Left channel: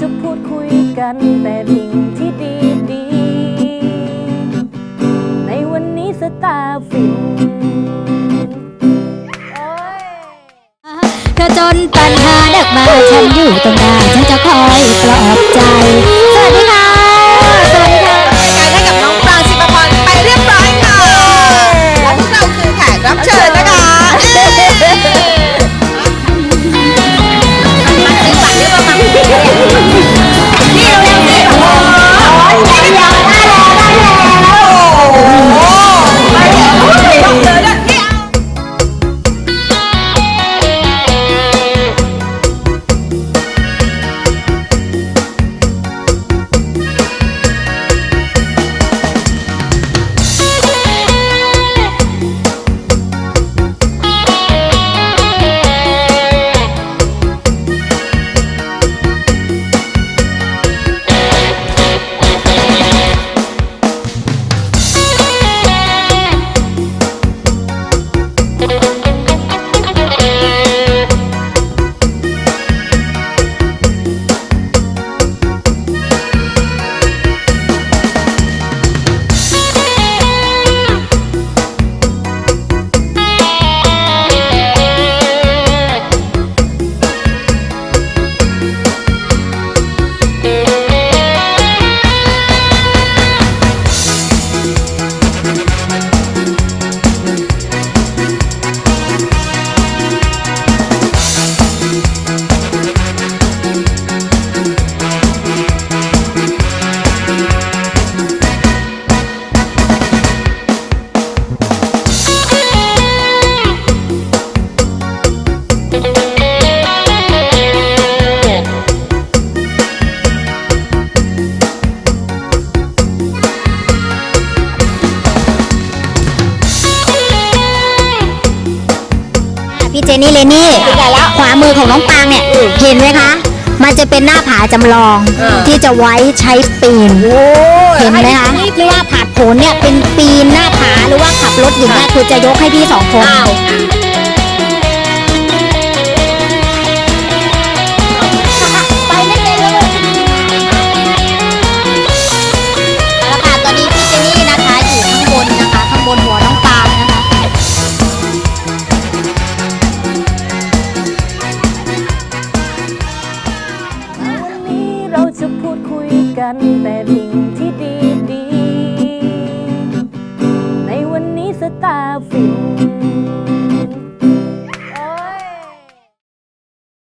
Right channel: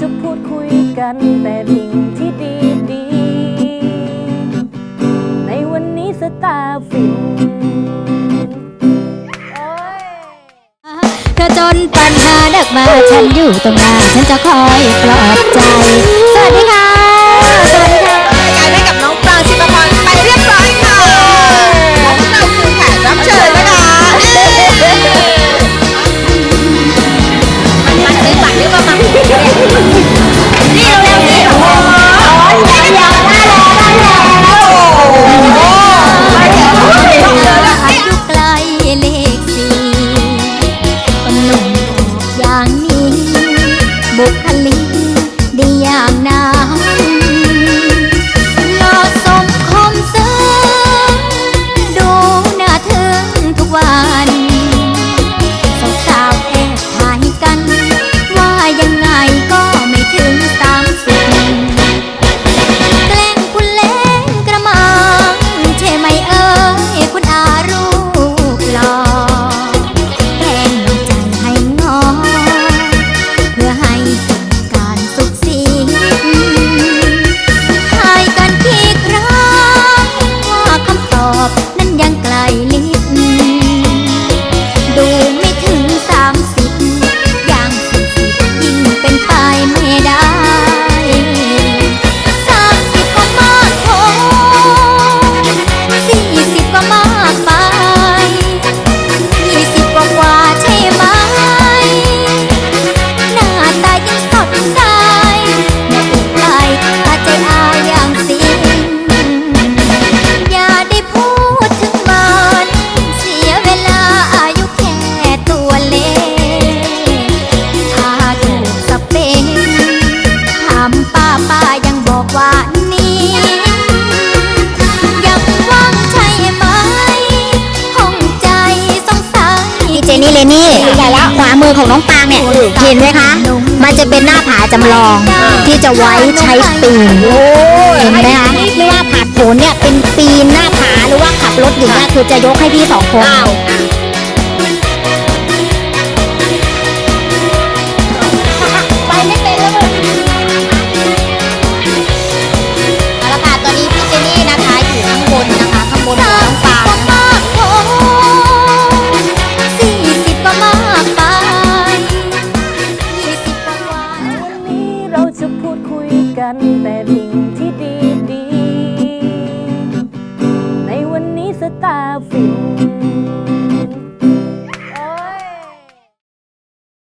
จะพูดคุยกันแต่สิ่งที่ดีดี ในวันนี้สตาร์ฟินเธอจนปัญหาเดักมาฉันอยู่ตรงหน้า ฉันจะคอยปลอบใจ สวัสดีค่ะี่เจนี่เลนี่ขวามือของน้องปางเนี่ย เห็นไหมคะ มันจะเป็นหน้าผาจำลองที่จะไว้ใช้ปีนเห็นไหมคะไม่ว่าผาดโผนเนี่ยเป็นปีนหน้าผาหรือว่าขับรถอย่างเงี้ยคือจะยกให้พี่สองคน กันแต่สิ่งที่ดีดี ในวันนี้สตาร์ฟิน